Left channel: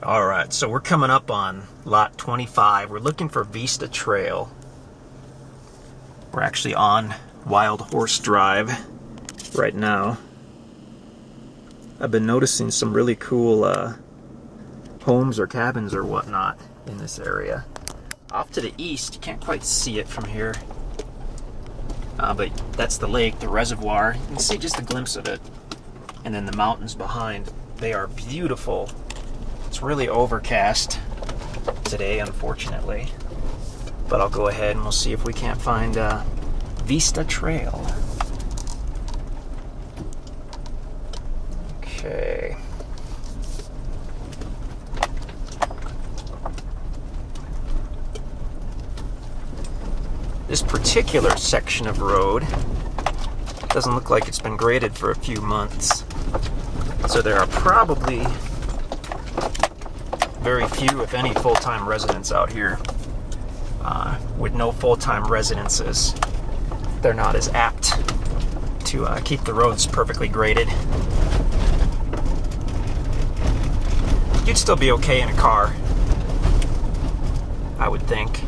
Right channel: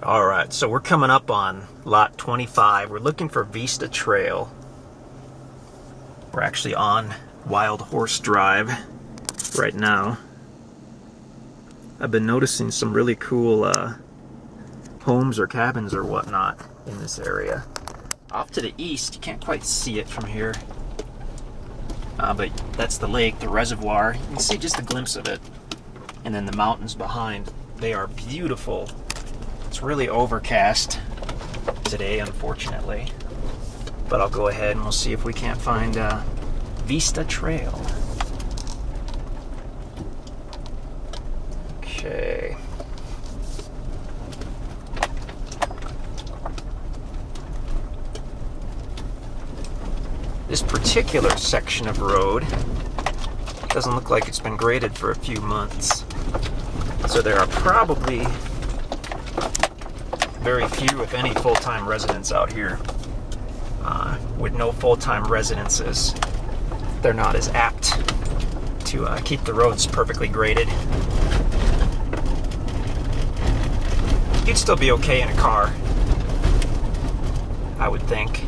All right, so we're coming up on lot 25. We're looking for Vista Trail. We're actually on Wild Horse Drive right now. I've been noticing some really cool homes or cabins or whatnot in this area. Off to the east, you can't quite see it from here, but that's the lake, the reservoir. You can see just a glimpse of it. And then the mountains behind, they are beautiful. It's really overcast today, unfortunately. But I'll go ahead and we'll see if we can't find Vista Trail. Okay. This particular section of road doesn't look like it's been graded for a few months. So there are probably very few, if any, full-time residents out here. With no full-time residences, they're not as apt to keep the roads perfectly graded. You'd still be okay in a car, I would think.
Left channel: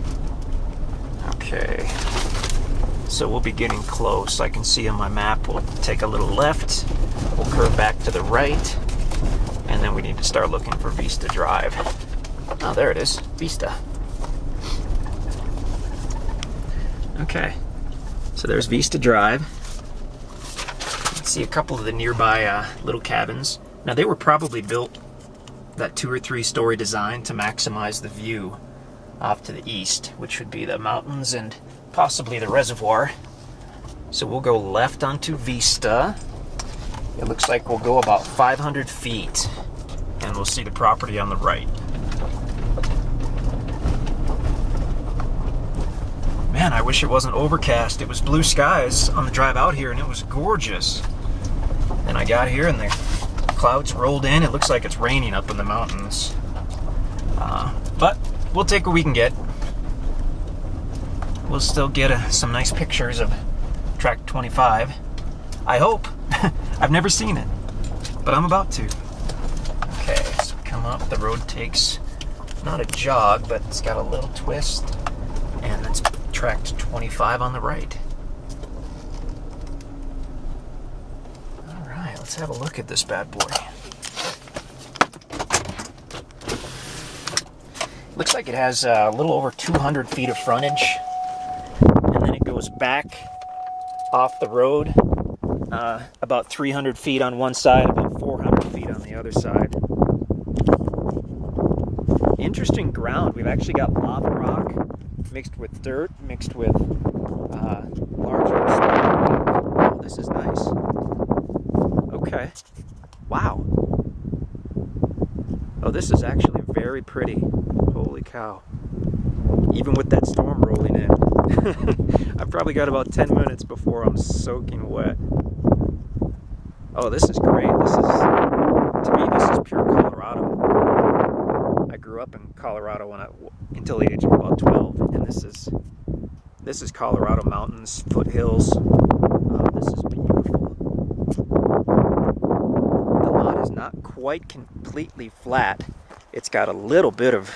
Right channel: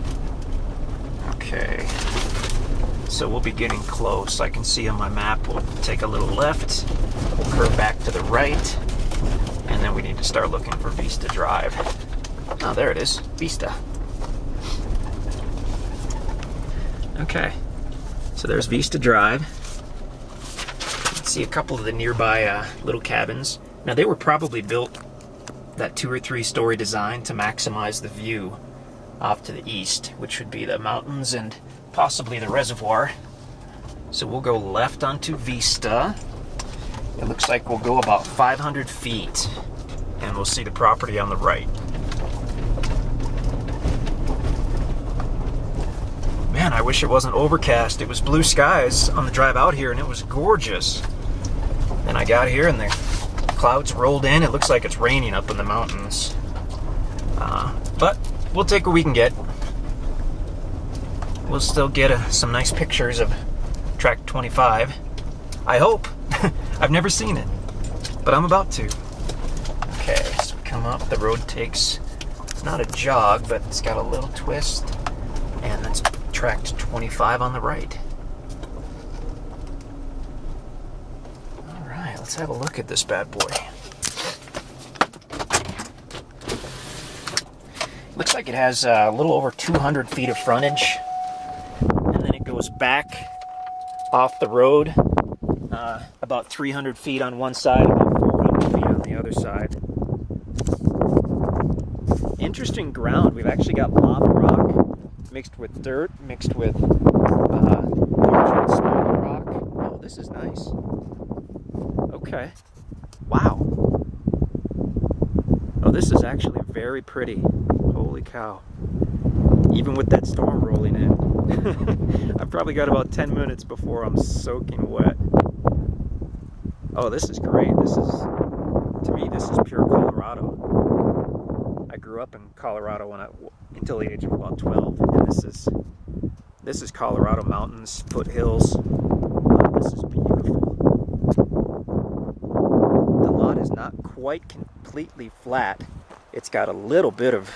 Okay, so we'll be getting close. I can see on my map we'll take a little left, we'll curve back to the right, and then we need to start looking for Vista Drive. Oh, there it is, Vista. Okay, so there's Vista Drive. You can see a couple of the nearby little cabins. Now, they were probably built that 2 or 3 story design to maximize the view off to the east, which would be the mountains and possibly the reservoir. So we'll go left onto Vista. It looks like we'll go about 500 feet and we'll see the property on the right. Man, I wish it wasn't overcast. It was blue skies on the drive out here and it was gorgeous. And I got here and the clouds rolled in. It looks like it's raining up in the mountains. But we'll take what we can get. We'll still get some nice pictures of track 25. I hope. I've never seen it, but I'm about to. Okay, so we come up. The road takes not a jog, but it's got a little twist. And that's track 25 on the right. All right, let's have a look at this bad boy. Looks like it has a little over 200 feet of frontage, and then it goes back off the road about 300 feet on one side, about 400 feet on the other side. Interesting ground. We've actually got lava rock mixed with dirt, mixed with larger stone rock. Oh, this is nice. Okay. Wow. Oh, this is actually very pretty. Holy cow. Even with that storm rolling in. I've probably got about 10 minutes before I'm soaking wet. Oh, this is great. To me, this is pure Colorado. I grew up in Colorado until the age of about 12, and this is Colorado mountains, foothills. This is beautiful. The lot is not quite completely flat. It's got a little bit of,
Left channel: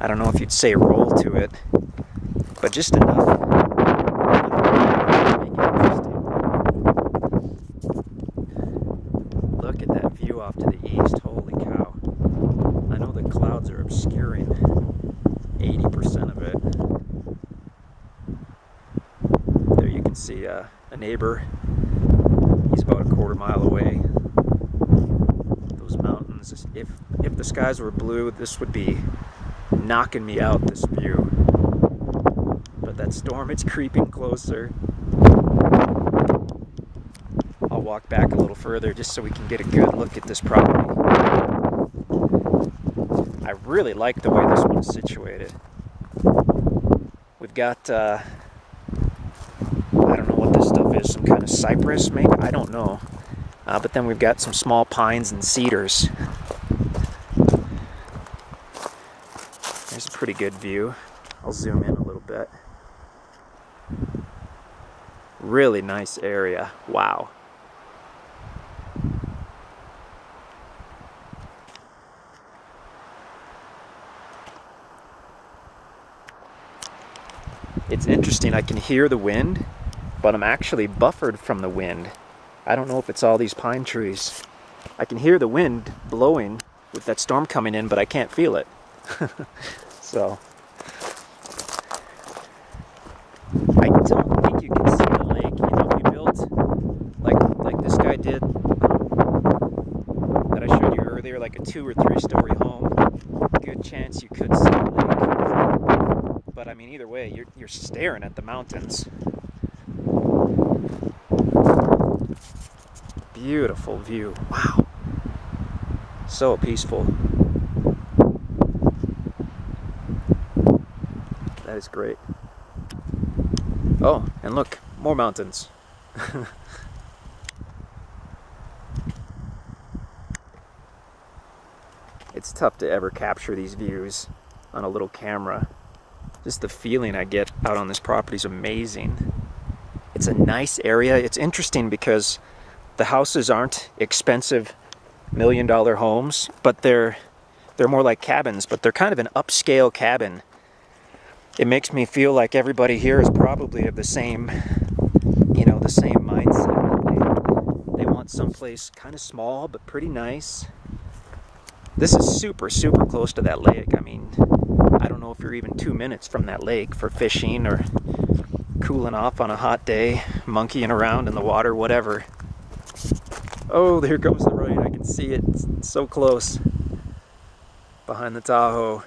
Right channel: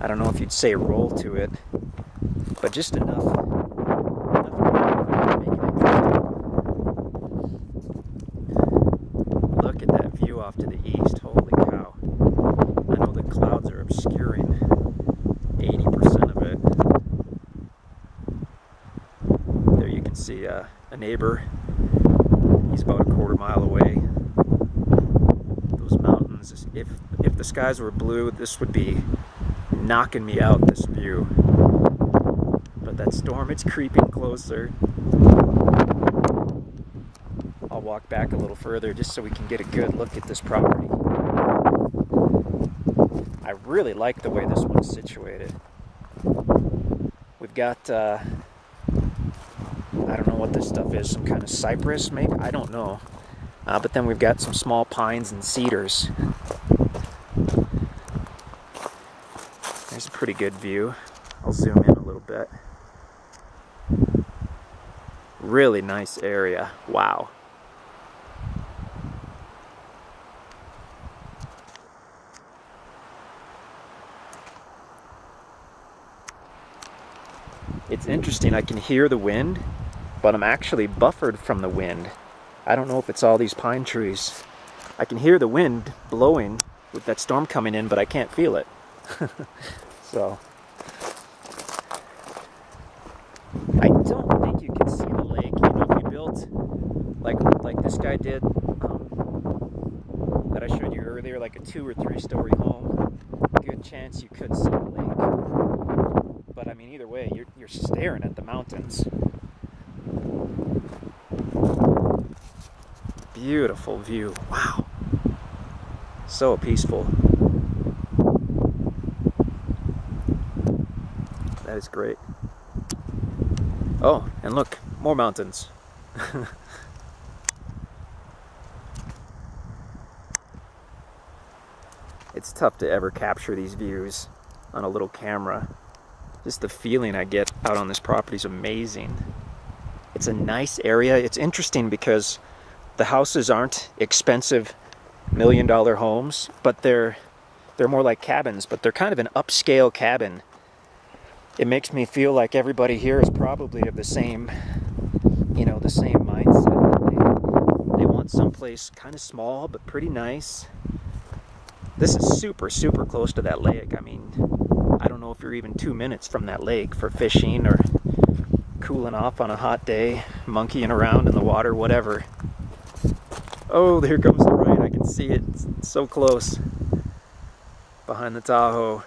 I don't know if you'd say roll to it, but just enough. Look at that view off to the east. Holy cow. I know the clouds are obscuring 80% of it. There you can see a neighbor. He's about a quarter mile away. Those mountains, if the skies were blue, this would be knocking me out, this view. But that storm, it's creeping closer. I'll walk back a little further just so we can get a good look at this property. I really like the way this one is situated. We've got, I don't know what this stuff is, some kind of cypress maybe? I don't know. But then we've got some small pines and cedars. There's a pretty good view. I'll zoom in a little bit. Really nice area. Wow. It's interesting, I can hear the wind, but I'm actually buffered from the wind. I don't know if it's all these pine trees. I can hear the wind blowing with that storm coming in, but I can't feel it. So, I don't think you can see the lake. You know, if you built like this guy did, that I showed you earlier, like a 2 or 3 story home, good chance you could see the lake. But I mean, either way, you're staring at the mountains. Beautiful view. Wow. So peaceful. That is great. Oh, and look, more mountains. It's tough to ever capture these views on a little camera. Just the feeling I get out on this property is amazing. It's a nice area. It's interesting because the houses aren't expensive million-dollar homes, but they're more like cabins, but they're kind of an upscale cabin. It makes me feel like everybody here is probably of the same, you know, the same mindset. They want someplace kind of small but pretty nice. This is super, super close to that lake. I mean, I don't know if you're even 2 minutes from that lake for fishing or cooling off on a hot day, monkeying around in the water, whatever. Oh, there comes the rain. I can see it. It's so close. Behind the Tahoe.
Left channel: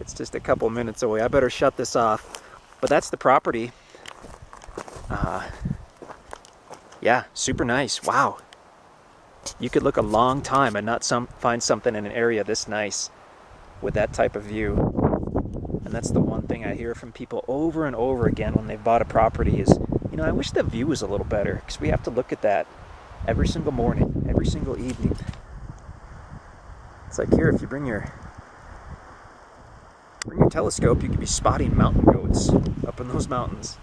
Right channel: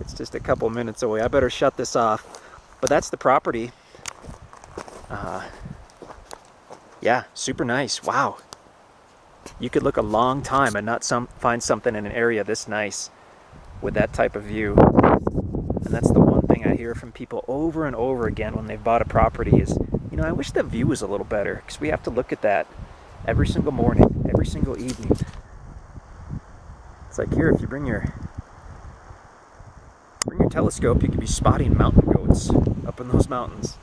It's just a couple minutes away. I better shut this off. But that's the property. Yeah, super nice. Wow. You could look a long time and not find something in an area this nice with that type of view. And that's the one thing I hear from people over and over again when they've bought a property is, you know, I wish the view was a little better, because we have to look at that every single morning, every single evening. It's like here, if you bring your telescope, you could be spotting mountain goats up in those mountains.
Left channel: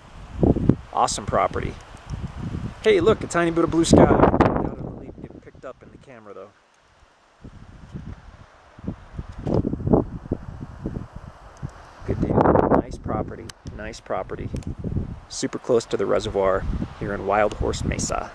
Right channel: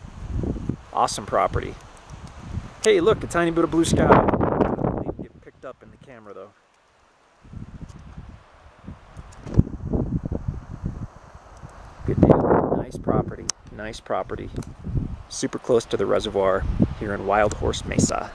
Awesome property. Hey, look, a tiny bit of blue sky. I don't even get picked up in the camera, though. Good deal. Nice property. Nice property. Super close to the reservoir here in Wild Horse Mesa.